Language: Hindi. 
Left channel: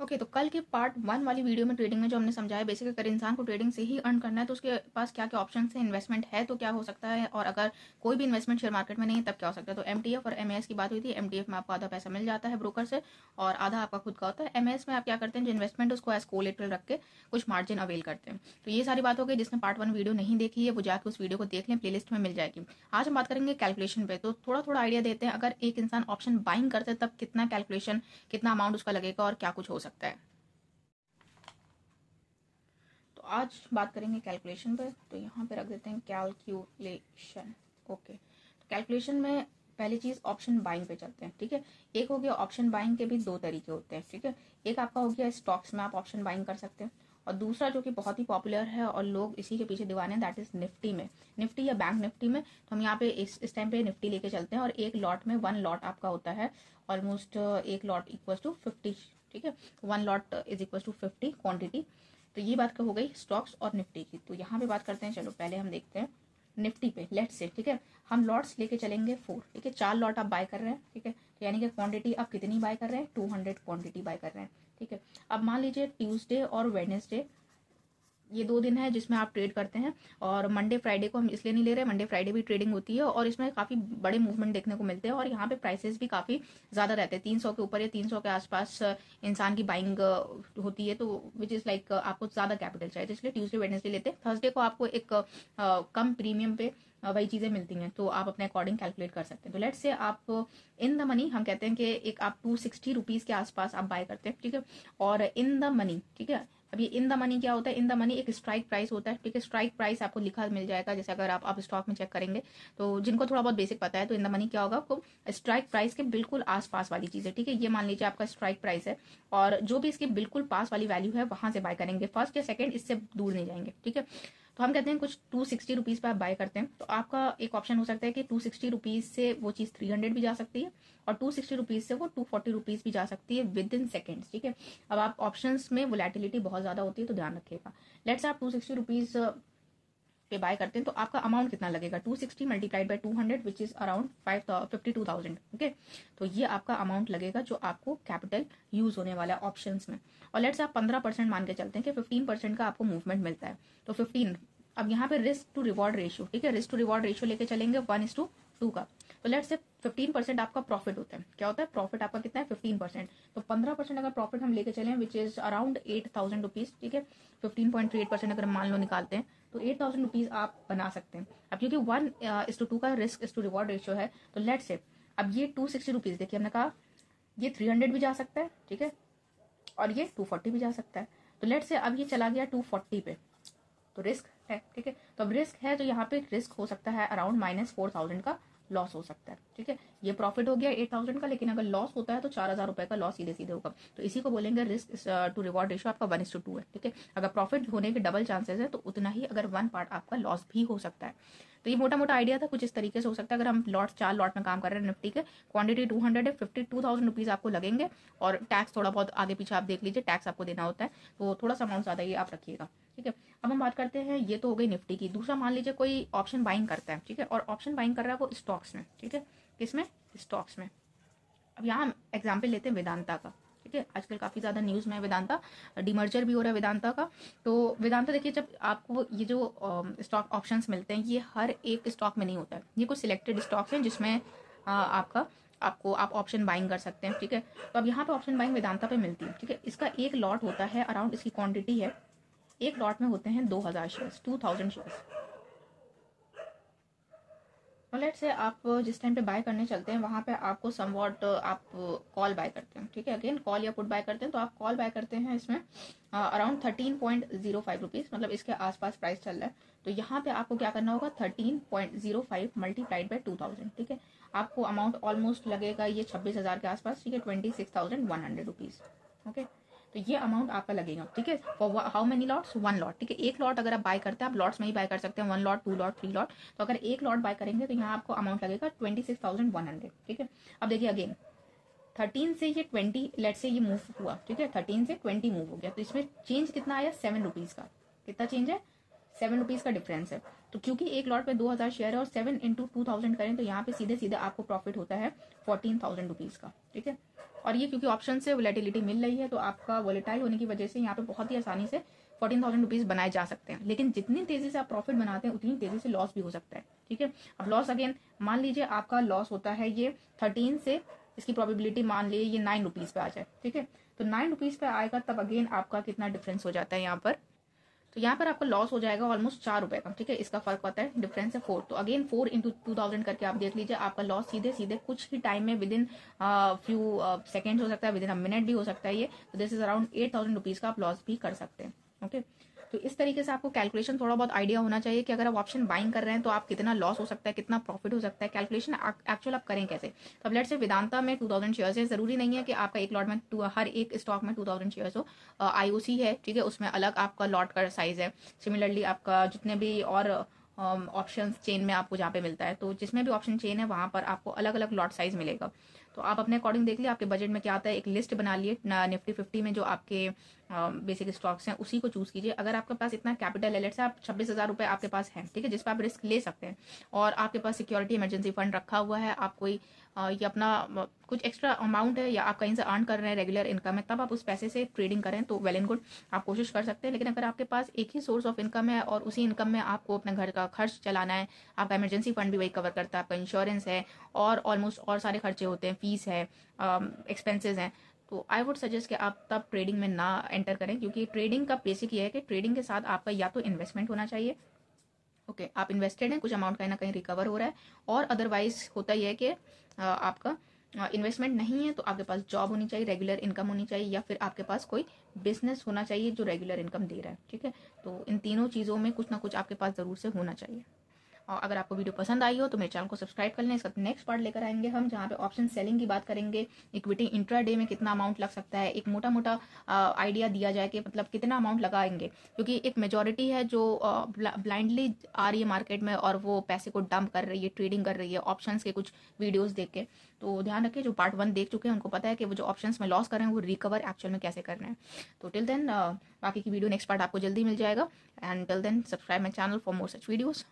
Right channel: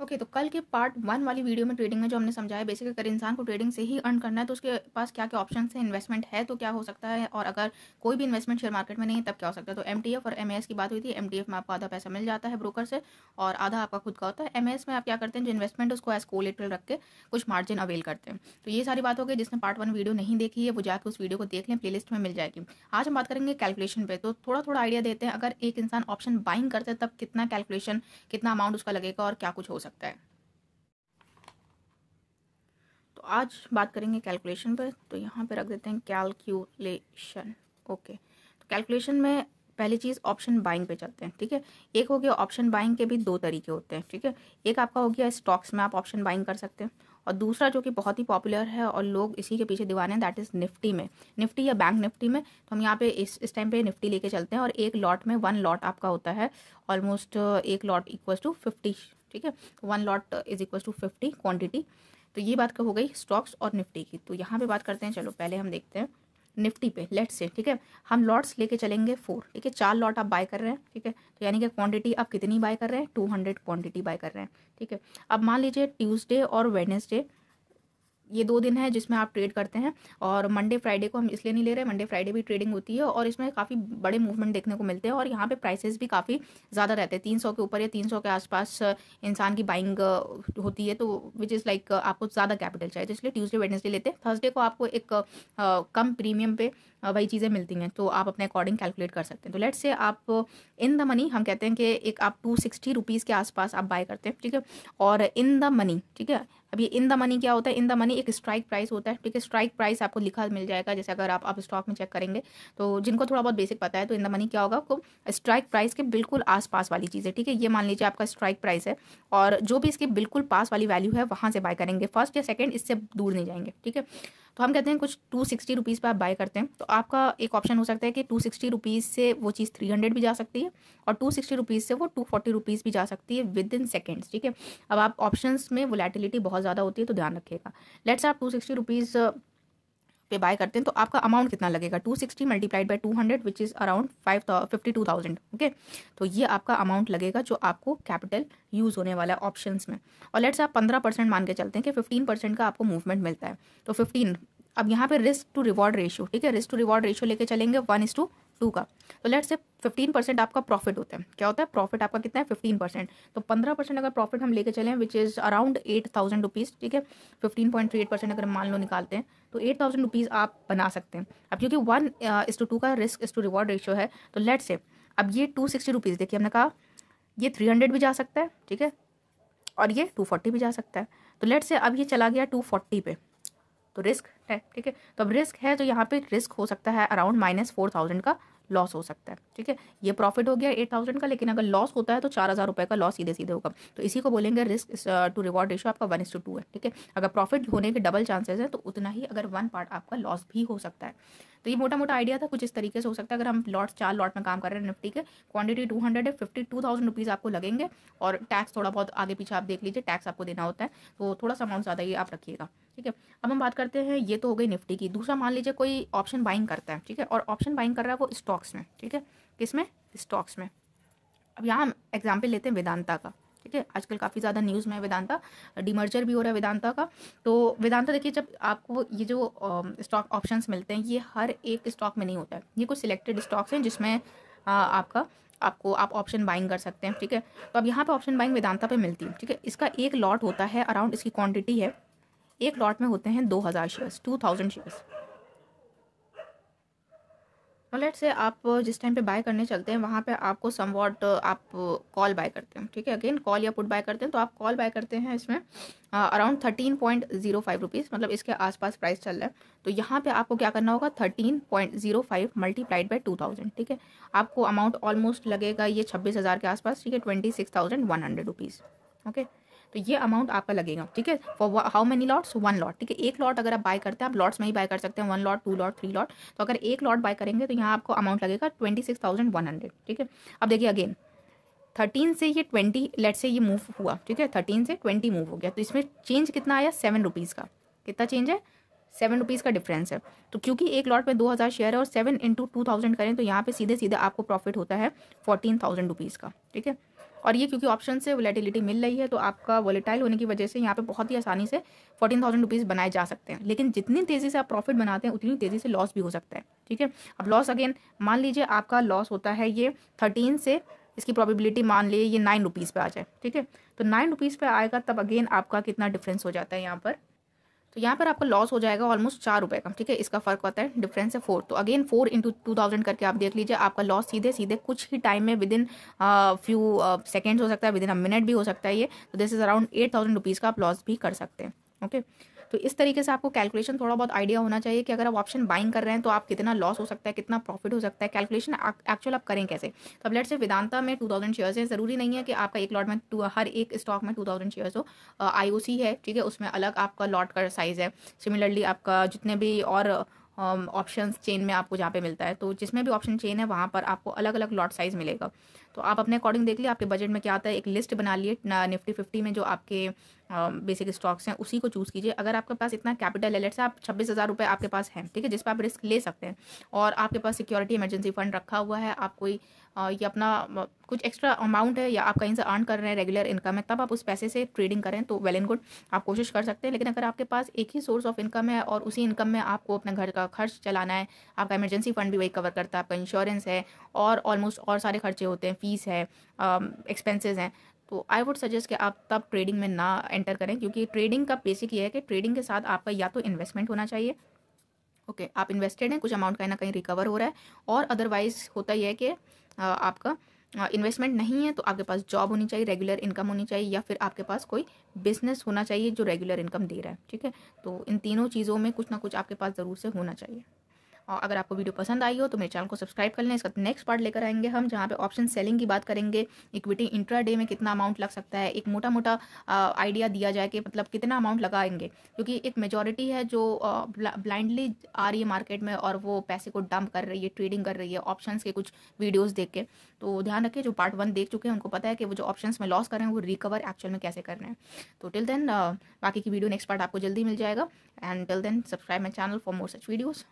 ओके तो कल के पार्ट 1 वाली वीडियो में ट्रेडिंग में जो हमने समझाया बेसिकली अगर इंसान को ट्रेडिंग से ही अर्न करना है तो उसके पास क्या क्या ऑप्शन है, इन्वेस्टमेंट है तो क्या हो सकता है, और अगर कोई भी इन्वेस्टमेंट शेयर मार्केट में नहीं है तब क्या हो सकता है। तो एमटीएफ और एमएएस की बात हुई थी। एमटीएफ में आपको आधा पैसा मिल जाता है ब्रोकर से और आधा आपका खुद का होता है। एमएएस में आप क्या करते हैं, जो इन्वेस्टमेंट उसको एज कोलेटरल रख के कुछ मार्जिन अवेल करते हैं। तो ये सारी बात हो गई। जिसने पार्ट 1 वीडियो नहीं देखी है वो जाकर उस वीडियो को देख लें, प्लेलिस्ट में मिल जाएगी। आज हम बात करेंगे कैलकुलेशन पे। तो थोड़ा थोड़ा आइडिया देते हैं, अगर एक इंसान ऑप्शन बाइंग करते हैं तब कितना कैलकुलेशन, कितना अमाउंट उसका लगेगा और क्या कुछ हो सकता है। तो आज बात करेंगे कैलकुलेशन पर। तो यहाँ पे रख देते हैं कैलकुलेशन। ओके तो कैलकुलेशन में पहली चीज ऑप्शन बाइंग पे चलते हैं। ठीक है, एक हो गया ऑप्शन बाइंग के भी दो तरीके होते हैं। ठीक है, एक आपका हो गया स्टॉक्स में आप ऑप्शन बाइंग कर सकते हैं, और दूसरा जो कि बहुत ही पॉपुलर है और लोग इसी के पीछे दीवाने हैं, दैट इज निफ्टी में, निफ्टी या बैंक निफ्टी में। तो हम यहाँ पे इस टाइम पे निफ्टी लेके चलते हैं और एक लॉट में 1 लॉट आपका होता है ऑलमोस्ट एक लॉट इक्वल टू 50। ठीक है, 1 lot is equal to 50 quantity. तो ये बात हो गई स्टॉक्स और निफ्टी की। तो यहाँ पे बात करते हैं, चलो पहले हम देखते हैं निफ्टी पे। लेट्स से ठीक है, हम लॉट्स लेके चलेंगे 4। ठीक है, 4 लॉट आप बाय कर रहे हैं। ठीक है, तो यानी कि क्वांटिटी आप कितनी बाय कर रहे हैं, 200 क्वांटिटी बाय कर रहे हैं। ठीक है, अब मान लीजिए ट्यूसडे और वेडनेसडे ये 2 दिन है जिसमें आप ट्रेड करते हैं, और मंडे फ्राइडे को हम इसलिए नहीं ले रहे हैं, मंडे फ्राइडे भी ट्रेडिंग होती है और इसमें काफी बड़े मूवमेंट देखने को मिलते हैं और यहाँ पे प्राइसेस भी काफी ज्यादा रहते हैं, 300 के ऊपर या 300 के आसपास इंसान की बाइंग होती है। तो विच इज लाइक आपको ज्यादा कैपिटल चाहिए, तो इसलिए ट्यूसडे वेडनेसडे लेते हैं। थर्सडे को आपको एक कम प्रीमियम पे वही चीजें मिलती हैं, तो आप अपने अकॉर्डिंग कैलकुलेट कर सकते हैं। तो लेट्स से आप इन द मनी, हम कहते हैं कि एक आप 260 रुपीज के आसपास आप बाय करते हैं। ठीक है, और इन द मनी, ठीक है, अब ये इन द मनी क्या होता है, इन द मनी एक स्ट्राइक प्राइस होता है। ठीक है, स्ट्राइक प्राइस आपको लिखा मिल जाएगा, जैसे अगर आप स्टॉक में चेक करेंगे तो जिनको थोड़ा बहुत बेसिक पता है तो इन द मनी क्या होगा, आपको स्ट्राइक प्राइस के बिल्कुल आसपास वाली चीज है। ठीक है, ये मान लीजिए आपका स्ट्राइक प्राइस है और जो भी इसके बिल्कुल पास वाली वैल्यू है वहां से बाय करेंगे, फर्स्ट या सेकंड, इससे दूर नहीं जाएंगे। ठीक है, तो हम कहते हैं कुछ 260 रुपीज पे आप बाय करते हैं, तो आपका एक ऑप्शन हो सकता है कि 260 रुपीज से वो चीज 300 भी जा सकती है और 260 रुपीज से वो 240 रुपीज भी जा सकती है विद इन सेकेंड्स। ठीक है, अब आप ऑप्शंस में वोलेटिलिटी बहुत ज्यादा होती है तो ध्यान रखिएगा। लेट्स आप 260 रुपीज पे बाय करते हैं तो आपका अमाउंट कितना लगेगा, 260 multiplied by 200 which is around 52,000। Okay, तो ये आपका अमाउंट लगेगा जो आपको कैपिटल यूज होने वाला है ऑप्शंस में। और लेट्स आप 15% मान के चलते हैं कि 15% का आपको मूवमेंट मिलता है, तो 15। अब यहाँ पे रिस्क टू रिवॉर्ड रेशियो, ठीक है, रिस्क टू रिवॉर्ड रेशियो लेके चलेंगे 1:2 का। तो लेट्स से 15% आपका प्रॉफिट होता है, क्या होता है प्रॉफिट आपका कितना है 15%, तो 15% अगर प्रॉफिट हम लेके चलें विच इज अराउंड 8,000 रुपीज। ठीक है, 15.38% अगर मान लो निकालते हैं तो 8,000 रुपीज आप बना सकते हैं। अब क्योंकि 1:2 का risk is to reward ratio है, तो लेट्स से अब ये 260 रुपीज, देखिए हमने कहा ये 300 भी जा सकता है, ठीक है, और ये 240 भी जा सकता है। तो लेट्स से अब ये चला गया 240 पे, तो रिस्क है। ठीक है, तो अब रिस्क है तो यहाँ पे रिस्क हो सकता है अराउंड -4,000 का लॉस हो सकता है। ठीक है, ये प्रॉफिट हो गया 8,000 का, लेकिन अगर लॉस होता है तो 4,000 रुपए का लॉस सीधे सीधे होगा। तो इसी को बोलेंगे रिस्क टू रिवॉर्ड रेशियो आपका 1:2 है। ठीक है, अगर प्रॉफिट होने के डबल चांसेस है तो उतना ही अगर 1 पार्ट आपका लॉस भी हो सकता है। तो ये मोटा मोटा आइडिया था, कुछ इस तरीके से हो सकता है। अगर हम 4 लॉट में काम कर रहे हैं निफ्टी के, क्वांटिटी 200 है, 52,000 रुपीज आपको लगेंगे, और टैक्स थोड़ा बहुत आगे पीछे आप देख लीजिए, टैक्स आपको देना होता है, तो थोड़ा सा अमाउंट ज्यादा ही आप रखिएगा। ठीक है, अब हम बात करते हैं, ये तो हो गई निफ्टी की। दूसरा मान लीजिए कोई ऑप्शन बाइंग करता है, ठीक है, और ऑप्शन बाइंग कर रहा है वो स्टॉक्स में। ठीक है, किसमें, स्टॉक्स में। अब यहाँ हम एग्जाम्पल लेते हैं वेदांता का। ठीक है, आजकल काफी ज्यादा न्यूज में है वेदांता, डिमर्जर भी हो रहा है वेदांता का। तो वेदांता देखिए, जब आपको ये जो स्टॉक ऑप्शंस मिलते हैं ये हर एक स्टॉक में नहीं होता है, ये कुछ सिलेक्टेड स्टॉक्स हैं जिसमें आप ऑप्शन बाइंग कर सकते हैं। ठीक है, तो अब यहाँ पे ऑप्शन बाइंग वेदांता पे मिलती है। ठीक है, इसका एक लॉट होता है अराउंड, इसकी क्वांटिटी है, एक लॉट में होते हैं 2,000 शेयर्स, 2,000 शेयर्स। लेट्स से आप जिस टाइम पे बाय करने चलते हैं वहां पे आपको समवॉट आप कॉल बाय करते हैं। ठीक है, अगेन कॉल या पुट बाय करते हैं, तो आप कॉल बाय करते हैं इसमें अराउंड 13.05 रुपीज, मतलब इसके आसपास प्राइस चल रहा है। तो यहाँ पे आपको क्या करना होगा, 13.05 मल्टीप्लाइड बाय 2,000। ठीक है, आपको अमाउंट ऑलमोस्ट लगेगा ये 26,000 के आसपास। ठीक है, 26,100 रुपीज। ओके, तो ये अमाउंट आपका लगेगा। ठीक है, for how many lots, 1 lot. ठीक है, एक लॉट अगर आप बाय करते हैं, आप लॉट्स में ही बाय कर सकते हैं, 1 लॉट, 2 लॉट, 3 लॉट। तो अगर एक लॉट बाय करेंगे तो यहाँ आपको अमाउंट लगेगा 26,100। ठीक है, अब देखिए अगेन 13 से ये 20, लेट से ये मूव हुआ। ठीक है, 13 से 20 मूव हो गया, तो इसमें चेंज कितना आया, 7 रुपीज का। कितना चेंज है, ₹7 का डिफरेंस है। तो क्योंकि एक लॉट में 2000 शेयर है और 7 × 2000 करें तो यहाँ पे सीधे सीधे आपको प्रॉफिट होता है ₹14,000 का, ठीक है। और ये क्योंकि ऑप्शन से वोलेटिलिटी मिल रही है तो आपका वोलेटाइल होने की वजह से यहाँ पे बहुत ही आसानी से ₹14,000 बनाए जा सकते हैं। लेकिन जितनी तेज़ी से आप प्रॉफिट बनाते हैं उतनी तेज़ी से लॉस भी हो सकता है, ठीक है। अब लॉस अगेन मान लीजिए आपका लॉस होता है ये 13 से, इसकी प्रोबेबिलिटी मान लीजिए ये ₹9 पे आ जाए, ठीक है। तो ₹9 पे आएगा तब अगेन आपका कितना डिफरेंस हो जाता है यहाँ पर, तो यहाँ पर आपका लॉस हो जाएगा ऑलमोस्ट ₹4 का, ठीक है। इसका फर्क होता है, डिफरेंस है 4। तो अगेन 4 × 2000 करके आप देख लीजिए, आपका लॉस सीधे सीधे कुछ ही टाइम में विद इन फ्यू सेकेंड्स हो सकता है, विद इन अ मिनट भी हो सकता है ये। तो दिस इज अराउंड ₹8,000 का आप लॉस भी कर सकते हैं, ओके। तो इस तरीके से आपको कैलकुलेशन थोड़ा बहुत आइडिया होना चाहिए कि अगर आप ऑप्शन बाइंग कर रहे हैं तो आप कितना लॉस हो सकता है, कितना प्रॉफिट हो सकता है, कैलकुलेशन एक्चुअल आप करें कैसे। तो अब लेट्स से वेदांता में 2000 शेयर्स है, जरूरी नहीं है कि आपका एक लॉट में हर एक स्टॉक में 2000 शेयर्स हो। IOC है, ठीक है, उसमें अलग आपका लॉट का साइज है। सिमिलरली आपका जितने भी और ऑप्शन चेन में आपको जहाँ पे मिलता है, तो जिसमें भी ऑप्शन चेन है वहाँ पर आपको अलग अलग लॉट साइज मिलेगा। तो आप अपने अकॉर्डिंग देख लिए आपके बजट में क्या आता है, एक लिस्ट बना लिए निफ्टी 50 में जो आपके बेसिक स्टॉक्स हैं उसी को चूज कीजिए। अगर आपके पास इतना कैपिटल है, लेट्स से आप 26,000 आपके पास है, ठीक है, जिस पर आप रिस्क ले सकते हैं और आपके पास सिक्योरिटी इमरजेंसी फंड रखा हुआ है, आप कोई ये अपना कुछ एक्स्ट्रा अमाउंट है या आप कहीं से अर्न कर रहे हैं, रेगुलर इनकम है, तब आप उस पैसे से ट्रेडिंग करें तो वेल एंड गुड, आप कोशिश कर सकते हैं। लेकिन अगर आपके पास एक ही सोर्स ऑफ इनकम है और उसी इनकम में आपको अपने घर का खर्च चलाना है, आपका इमरजेंसी फंड भी वही कवर करता है, आपका इंश्योरेंस है और ऑलमोस्ट और सारे खर्चे होते हैं, फीस है, एक्सपेंसेस हैं, तो आई वुड सजेस्ट कि आप तब ट्रेडिंग में ना एंटर करें। क्योंकि ट्रेडिंग का बेसिक ये है कि ट्रेडिंग के साथ आपका या तो इन्वेस्टमेंट होना चाहिए, ओके, आप इन्वेस्टेड हैं, कुछ अमाउंट कहीं ना कहीं रिकवर हो रहा है, और अदरवाइज होता यह है कि आपका इन्वेस्टमेंट नहीं है तो आपके पास जॉब होनी चाहिए, रेगुलर इनकम होनी चाहिए, या फिर आपके पास कोई बिजनेस होना चाहिए जो रेगुलर इनकम दे रहा है, ठीक है। तो इन तीनों चीज़ों में कुछ ना कुछ आपके पास ज़रूर से होना चाहिए। और अगर आपको वीडियो पसंद आई हो तो मेरे चैनल को सब्सक्राइब कर लें। इसका नेक्स्ट पार्ट लेकर आएंगे हम, जहाँ पे ऑप्शन सेलिंग की बात करेंगे, इक्विटी इंट्राडे में कितना अमाउंट लग सकता है, एक मोटा मोटा आइडिया दिया जाए कि मतलब कितना अमाउंट लगाएंगे। क्योंकि एक मेजॉरिटी है जो ब्लाइंडली आ रही है मार्केट में और वो पैसे को डंप कर रही है, ट्रेडिंग कर रही है ऑप्शंस के कुछ वीडियोस देख के। तो ध्यान रखिए, जो पार्ट 1 देख चुके हैं उनको पता है कि वो जो ऑप्शंस में लॉस कर रहे हैं वो रिकवर एक्चुअल में कैसे करना है। तो टिल देन बाकी की वीडियो नेक्स्ट पार्ट आपको जल्दी मिल जाएगा। And till then subscribe my channel for more such videos.